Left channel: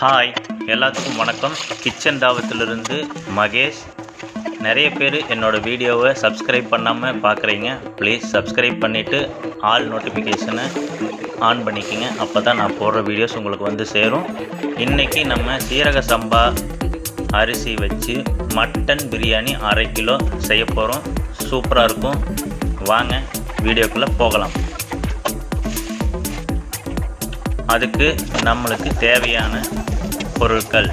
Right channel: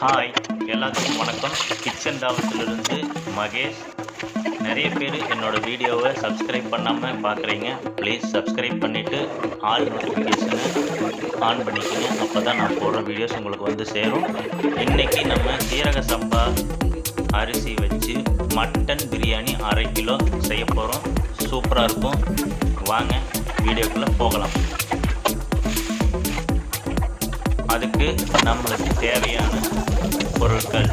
Hi, எல்லாத்துக்கும் வணக்கம். Kitchen தாவத்திலிருந்து Mahesh. நிறைய பேர் என்னோடய வீடியோவை சப்ஸ்கிரைப் பண்ணாமல் பார்க்குறீங்க. ப்ளீஸ் சப்ஸ்கிரைப் பண்ணிவிட்டு ஆல் நோட்டிஃபிகேஷனை ஆன் பண்ணிக்கோங்க. அப்போ தான் நான் போடுற வீடியோஸ் உங்களுக்கு வந்து சேரும். இன்றைக்கி நம்ம சீரக சம்பா அரிசி வச்சு மட்டன் பிரியாணி 1/2 கிலோ செய்ய போகிறோம். சூப்பராக இருக்கும். வாங்க வீடியோக்குள்ளே போகலாம். அதுக்கு நம்மளுக்கு தேவையான பொருட்கள்:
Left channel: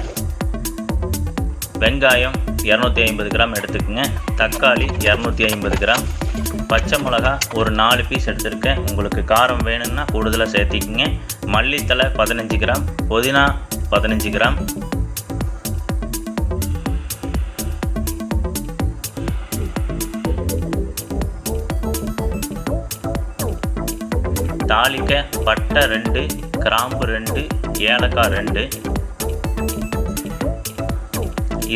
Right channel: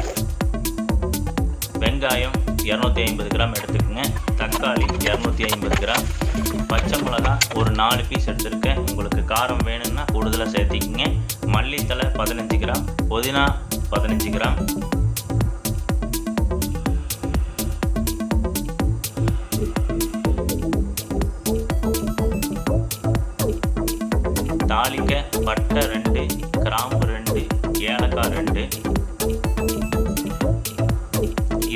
வெங்காயம் 250 கிராம் எடுத்துக்கோங்க, தக்காளி 250 கிராம், பச்சை மிளகா ஒரு 4 பீஸ் எடுத்துருக்கேன். உங்களுக்கு காரம் வேணும்னா கூடுதலாக சேர்த்திக்கங்க. மல்லித்தலை 15 கிராம், புதினா 15 கிராம், தாளிக்க பட்டை 2, கிராம்பு 2, ஏலக்காய் 2.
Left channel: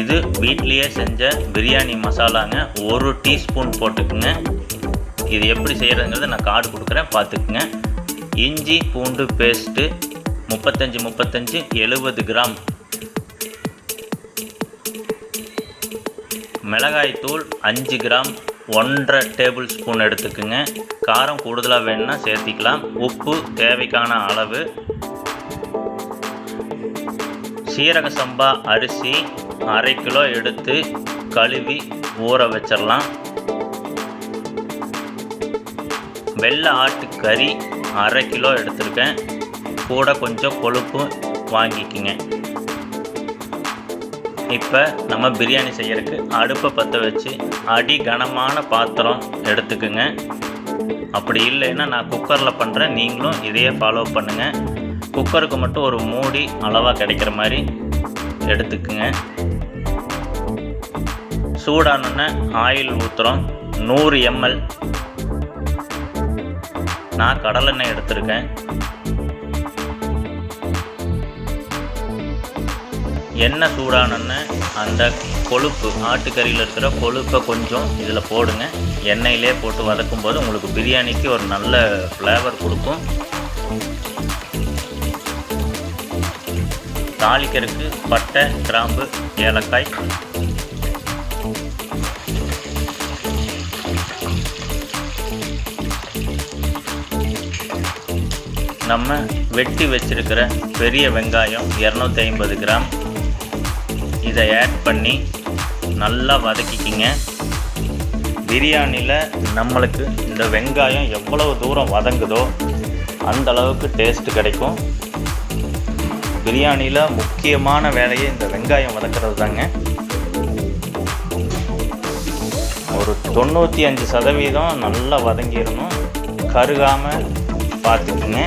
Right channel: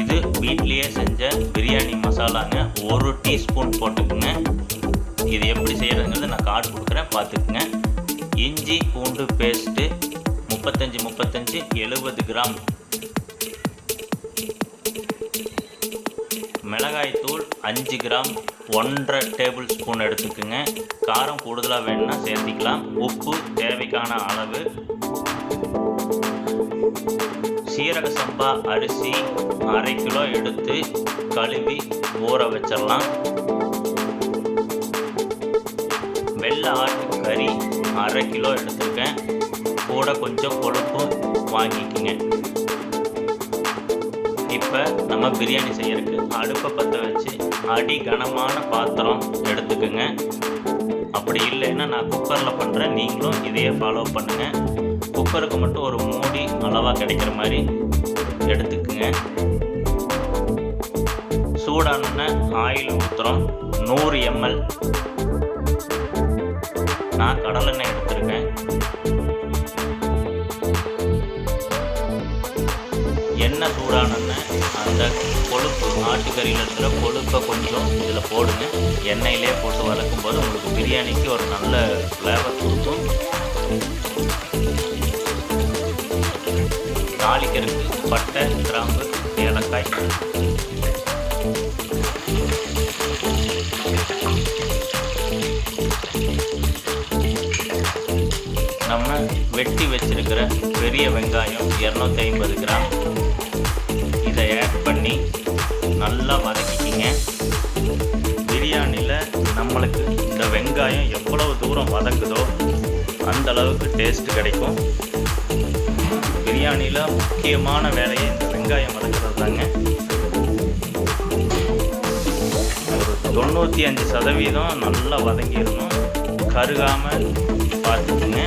இது வீட்லேயே செஞ்ச பிரியாணி மசாலாங்க. 1 டீஸ்பூன் போட்டுக்குங்க. இது எப்படி செய்கிறதுங்கிறத நான் கார்டு கொடுக்குறேன், பார்த்துக்குங்க. இஞ்சி பூண்டு பேஸ்ட்டு 35 70 கிராம், மிளகாய்த்தூள் 5 கிராம், 1.5 டேபிள் ஸ்பூன் எடுத்துக்குங்க. காரம் கூடுதலாக வேணும்னா சேர்த்திக்கலாம். உப்பு தேவைக்கான அளவு. சீரக சம்பா அரிசி 1/2 கிலோ எடுத்து கழுவி ஊற வச்சிடலாம். வெள்ளை ஆட்டு கறி 1/2 கிலோ எடுத்துருக்கேன். கூட கொஞ்சம் கொழுப்பு வாங்கிக்குங்க. இப்போ நம்ம பிரியாணி செய்யறதுக்கு அடுப்பை பற்ற வச்சு அடி கனமான பாத்திரம் எடுத்துக்குங்க. அப்படி இல்லைன்னா நான் குக்கரில் பண்ணுறேன், நீங்களும் இதையே ஃபாலோ பண்ணுங்கள். குக்கருக்கு மட்டும் ஒரு மூடி அளவாக கிடைக்கிற மாதிரி எடுத்துக்குங்க. சூடானோன்னே ஆயில் ஊற்றுறோம். 100 ml நான் கடலெண்ணெய் எடுத்துருக்கேன். எண்ணெய் சூடானோன்னு அந்த கொழுப்பு, ஆட்டுக்கறியில் இருக்கிற கொழுப்பை கொஞ்சம் இதில் போடுங்க. எண்ணெயிலே போட்டு வதக்கும் போது உங்களுக்கு பிரியாணிக்கு ஒரு நல்ல ஃப்ளேவர் கொடுக்கும். தாளிக்கிறதுக்கு பட்டை, கிராம்பு, ஏலக்காய். நம்ம வெட்டி வச்சிருக்கிற பெரிய வெங்காயம் 250 கிராம், இதை ஆட் பண்ணி நல்லா வதக்கிக்கிங்க. பிரியாணியில் நம்மளுக்கு இந்த வெங்காயம் எவ்வளவு தூரம் வதங்குதோ அந்த அளவுக்கு டேஸ்ட்டு கிடைக்கும். பிரியாணியில் முக்கியமான வேலையே இந்த வெங்காயம் வதங்கிறது தாங்க. ஒரு 95% நல்லா வதங்கிடணும். கருகாமல் பார்த்துக்குங்க.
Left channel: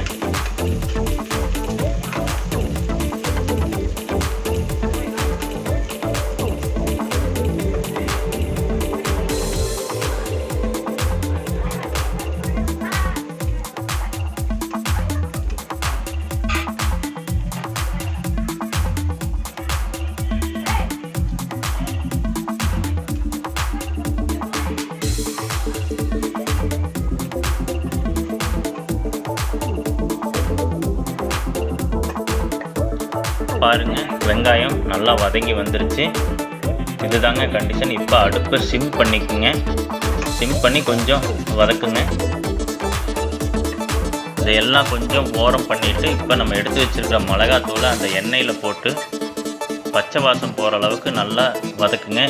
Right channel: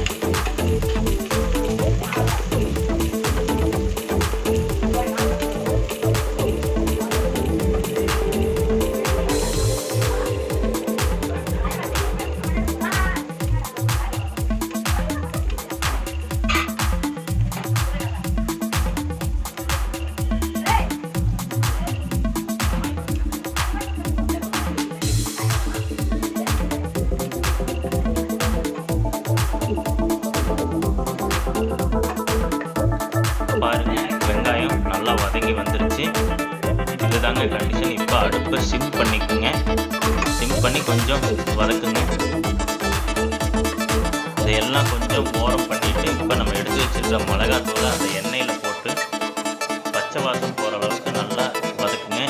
பாருங்க, வெங்காயம் நல்லா வதங்கி வந்துருச்சு. இதுதாங்க கண்டிஷன். இப்போ அடுப்பை சிம் பண்ணிக்குங்க. சிம் பண்ணி கொஞ்சம் வதக்குங்க. இதையெல்லாம் கொஞ்சம் ஓரம் பண்ணிவிட்டு இப்போ நம்ம எடுத்து வச்சுருக்க மிளகாத்தூளை அந்த எண்ணெயில் போட்டு பச்சை வாசம் போகிற அளவுக்கு நல்லா வதக்குங்க.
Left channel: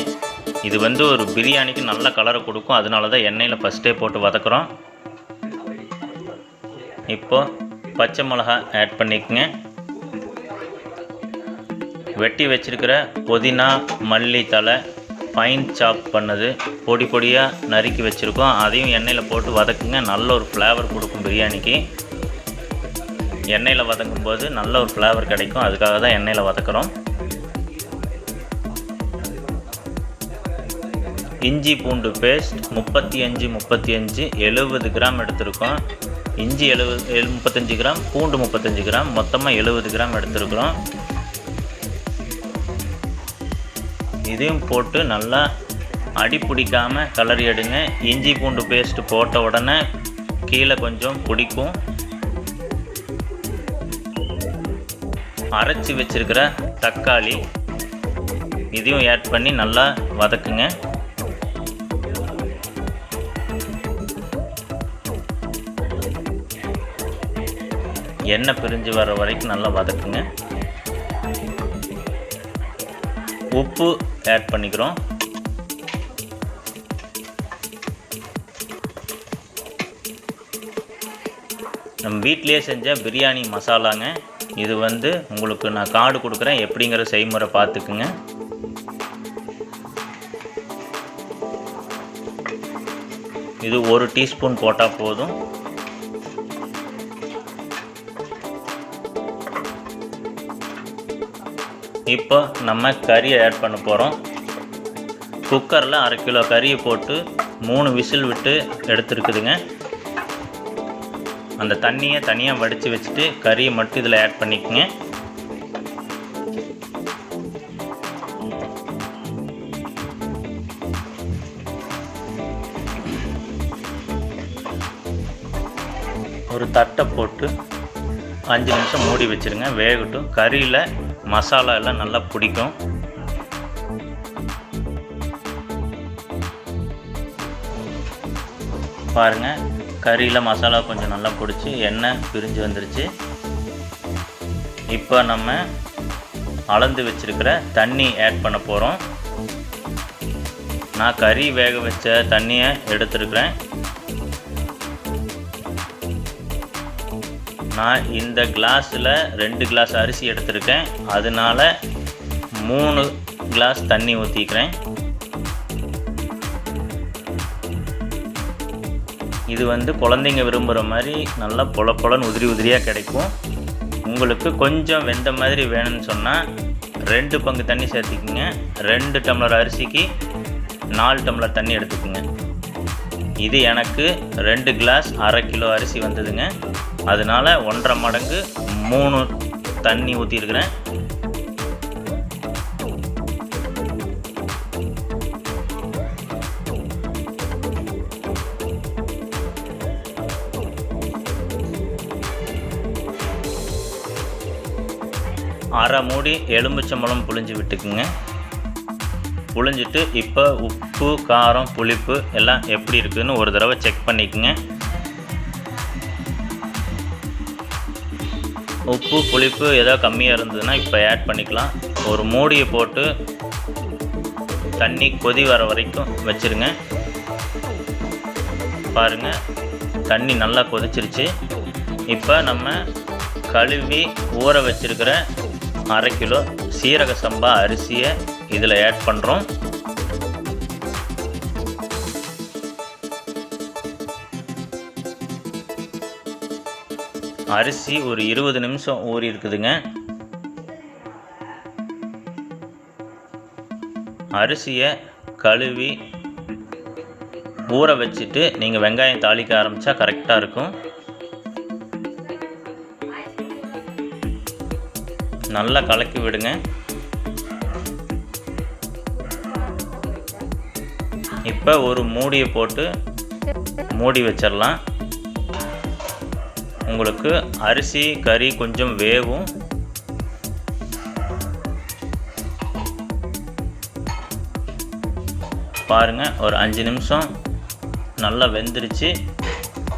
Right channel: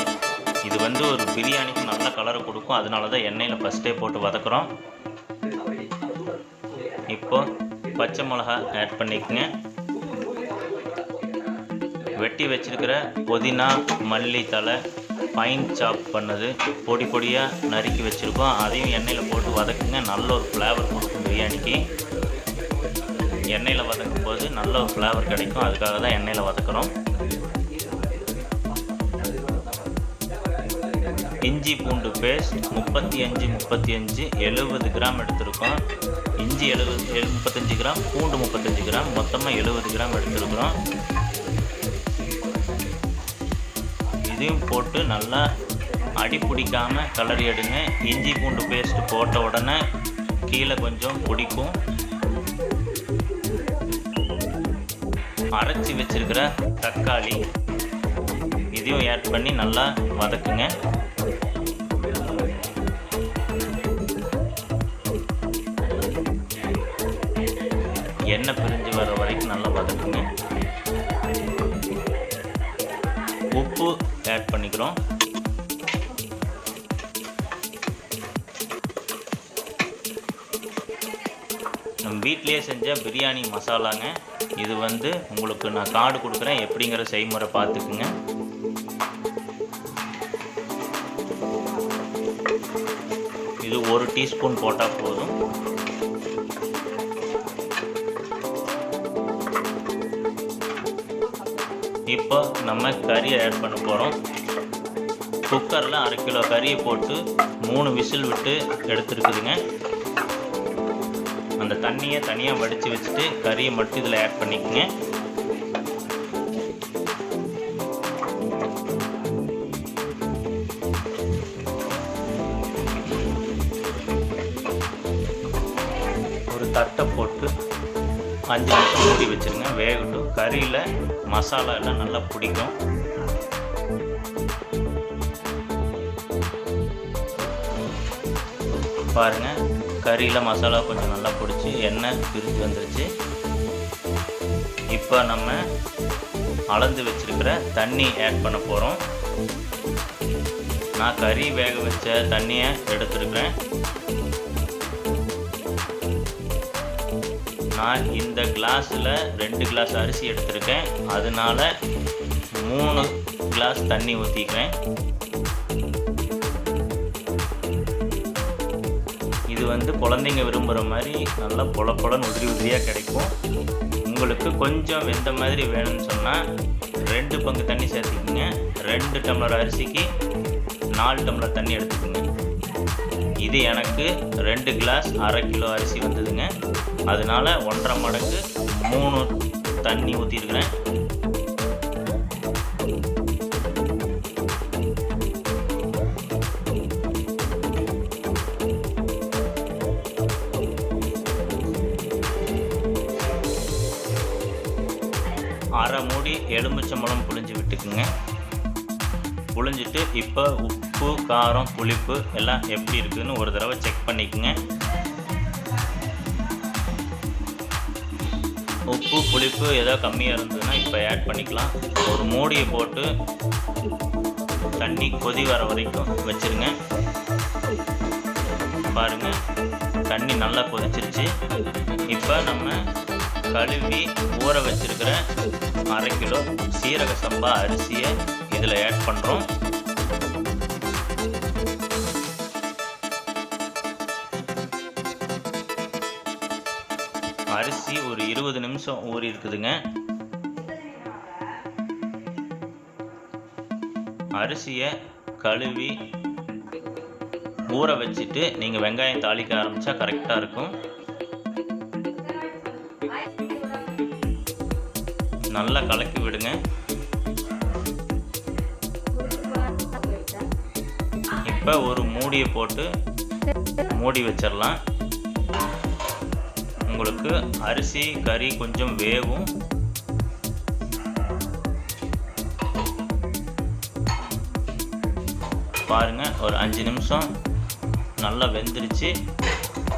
இது ஒரு பிரியாணிக்கு நல்ல கலரை கொடுக்கும். அதனால தான் எண்ணெயில் ஃபஸ்ட்டே போட்டு வதக்குறோம். இப்போது பச்சை மிளகா ஆட் பண்ணிக்கோங்க. வெட்டி வச்சிருக்கிற புதினா, மல்லித்தலை ஃபைன் சாப் பண்ணது பொடி பொடியாக நறுக்கி வச்சுருக்கோம். அதையும் எண்ணெயில் போட்டு வதக்குங்க. நல்ல ஒரு ஃப்ளேவர் கொடுக்கும் பிரியாணிக்கு. எண்ணெயில் வதக்கும் போது நல்ல ஒரு ஃப்ளேவர் கிடைக்கும். அதுக்காக தான் எண்ணெயில் வதக்குறோம். இஞ்சி பூண்டு பேஸ்ட் 35 70 கிராம் எடுத்துருக்கோம். இஞ்சி 35 கிராம், பூண்டு 35 கிராம், மொத்தமாக 70 கிராம் எடுத்துருக்குறோம். இதையும் போட்டு நல்லா அடி பிடிக்காமல் கலரி எடுங்க. இஞ்சி பூண்டு பேஸ்ட்டு போட்ட உடனே கீழே கொஞ்சம் பிடிக்கும். அரைச்சி வச்சிருக்கிற தக்காளி இதையும் ஆட் பண்ணி நல்லா வதக்குங்க. எண்ணெய் பிரிஞ்சு வர வரைக்கும் நல்லா வதக்குங்க. உப்பு ஆட் பண்ணிக்கிறோம். நம்ம வீட்டிலேயே செஞ்ச பிரியாணி மசாலாங்க. இது உங்களுக்கு நான் கார்டு கொடுக்குறேன், எப்படிங்கிற செய்முறை பார்த்துக்குங்க. இது 1 டீஸ்பூன் போட்டால் போதும். இப்போ நம்ம கறியை ஆட் பண்ண போகிறோம். குக்கரில் 1/2 கிலோ கறியை போட்டு 3 விசில் விட்டு எடுத்துருக்குதுங்க. அந்த தண்ணியை தனியாக வடித்து வச்சுட்டு கறியை மட்டும் இதில் ஆட் பண்ணிக்கோங்க. ஒரு தட்டை போட்டு 5 நிமிஷம் மூடி வச்சுருங்க, வேகட்டும். கறியில் மசாலா எல்லாம் நல்லா பிடிக்கும். பாருங்கள், கறியில் மசாலா கொஞ்சம் நல்லா பிடிச்சி எண்ணெய் பிரிஞ்சு வந்துருச்சு. இப்போ நம்ம அளந்து வச்சுருக்கிற தண்ணி ஆட் பண்ண போகிறோம். நான் கறி வேக வச்ச தண்ணியை எடுத்துருக்கிறேன். நான் இந்த கிளாஸில் 2 கிளாஸ் அரிசி எடுத்திருக்கேன், அதனால 3 கிளாஸ் தண்ணி ஊற்றிக்கிறேன். இது குழந்தைங்க விரும்புகிற மாதிரி நல்லா பொலன்னு உதிரி உதிரியாக கிடைக்கும். உங்களுக்கு கொஞ்சம் வெந்த மாதிரி வேணும்னு சொன்னால் 2 பங்கு தண்ணி சேர்த்துக்குங்க. 2 டம்ளர் அரிசிக்கு 4 டம்ளர் தண்ணி எடுத்துக்குங்க. இது எனக்கு 2 கிளாஸ் 1/2 கிலோ அரிசி வந்ததுங்க, அதனால் 1.5 மடங்கு 3 தண்ணி ஊற்றிருக்கிறேன். அரை மூடி எலுமிச்சம்பழம் புழிஞ்சு விட்டுக்குங்க. புழிஞ்சிட்டு இப்போ உப்பு, காரம், புளிப்பு எல்லாம் எப்படி இருக்குதுன்னு ஒரு தடவை செக் பண்ணிக்கோங்க. உப்பு, புளிப்பு ஏதோ கம்மியாக இருந்ததுன்னா இப்போ ஆட் பண்ணிக்கலாம். ஒரு மூடியை போட்டு தண்ணி கொதி வர வரைக்கும் வச்சுருங்க. பாருங்கள், தண்ணி நல்லா கொதிச்சிருச்சு. இப்போ நம்ம கழுவி ஊற வச்சிருக்கிற 1/2 கிலோ சீரக சம்பா அரிசியை இதில் ஆட் பண்ணுறோம். அரிசி ஒரு 20 நிமிஷம் ஊறி இருக்குதுங்க. அரிசியை கழுவி ஊற வச்சுட்டு நீங்கள் வெங்காயம் தாளிக்க ஆரம்பித்தா கரெக்டாக இருக்கும். நல்லா கலக்கி விடுங்க. இப்போ ஒரு மூடியை போட்டு மூடி வச்சிடலாம். உங்களுக்கு அரிசி கறி கொஞ்சம் வேகும். பாருங்கள், ஒரு 5 நிமிஷம் நல்லா வெந்துருச்சு.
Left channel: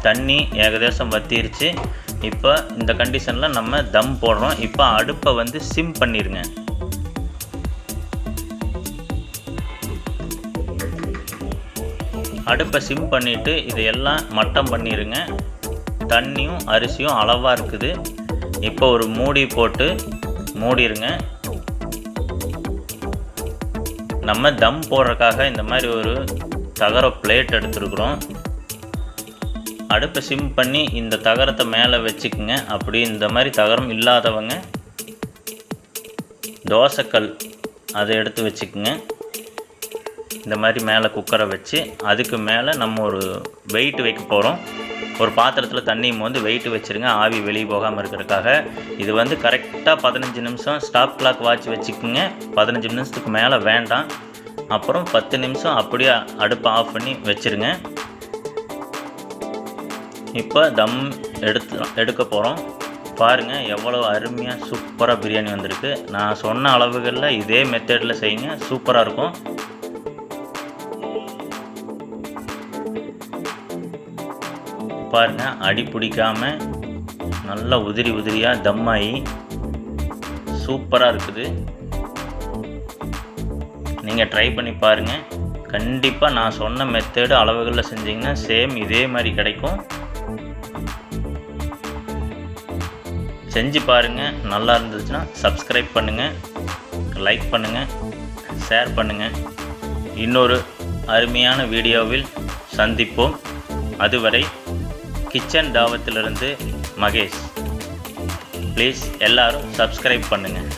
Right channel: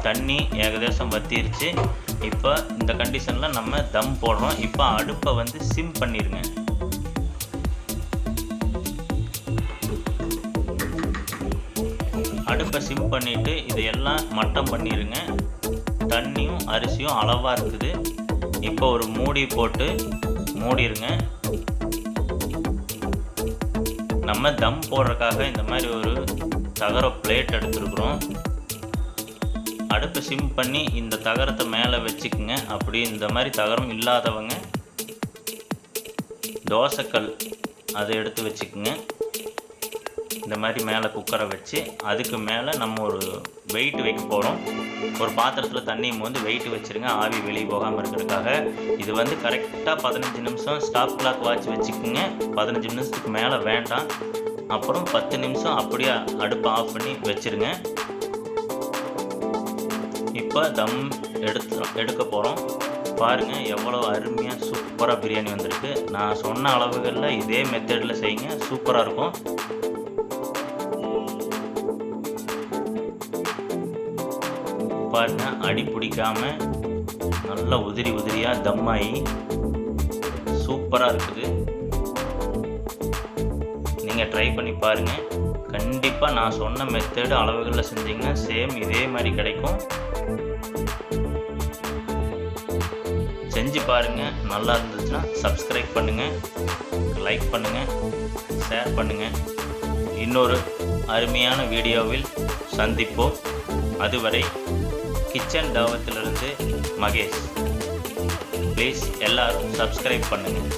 தண்ணி ஏகதேசம் வத்திருச்சு. இப்போ இந்த கண்டிஷனில் நம்ம தம் போடுறோம். இப்போ அடுப்பை சிம் பண்ணிடுங்க. அடுப்பை சிம் பண்ணிவிட்டு இதையெல்லாம் மட்டம் பண்ணிடுங்க. தண்ணியும் அரிசியும் அளவாக இருக்குது. இப்போ ஒரு மூடி போட்டு மூடிடுங்க. நம்ம தம் போடுறதுக்காக இந்த மாதிரி ஒரு தகர பிளேட் எடுத்துருக்குறோம். அடுப்பை சிம் பண்ணி இந்த தகரத்தை மேலே வச்சுக்குங்க. அப்படி இந்த மாதிரி தகரம் இல்லாதவங்க தோசைக்கல் அதை எடுத்து வச்சுக்குங்க. இந்த மாதிரி மேலே குக்கரை வச்சு அதுக்கு மேலே நம்ம ஒரு வெயிட் வைக்க போகிறோம். ஒரு பாத்திரத்தில் தண்ணியும் வெயிட் வச்சுருங்க, ஆவி வெளியே போகாமல் இருக்கிறதுக்காக. இது கரெக்டாக 15 நிமிஷம் ஸ்டாப் கிளாக் வாட்ச் வச்சுக்குங்க. 15 நிமிஷத்துக்கு மேலே வேண்டாம். அப்புறம் 10 நிமிஷம் அப்படியே அடுப்பை ஆஃப் பண்ணி வச்சுருங்க. இப்போ தம் எடுக்க போகிறோம். பாருங்கள் எவ்வளோ அருமையாக சூப்பராக பிரியாணி வந்திருக்கு. நான் சொன்ன அளவுகளில் இதே மெத்தடில் செய்யுங்க, சூப்பராக இருக்கும். பாருங்கள் அடி பிடிக்காமல் நல்லா உதிரி உதிரியாக தம்மாயி சூப்பராக இருக்குது. நீங்கள் ட்ரை பண்ணி பாருங்கள். கண்டிப்பாக நான் சொன்ன மெத்தடு அளவுகளில் செஞ்சிங்கன்னா சேம் இதே மாதிரி கிடைக்கும். செஞ்சு பாருங்கள். நல்லா இருந்துச்சுன்னா சப்ஸ்கிரைப் பண்ணுங்கள், லைக் பண்ணுங்கள், ஷேர் பண்ணுங்கள். இன்னொரு அருமையான வீடியோவில் சந்திப்போம். அதுவரை கிச்சன் தாவத்திலிருந்து மகேஷ். ப்ளீஸ் எல்லாரும் சப்ஸ்கிரைப் பண்ணுங்கள்.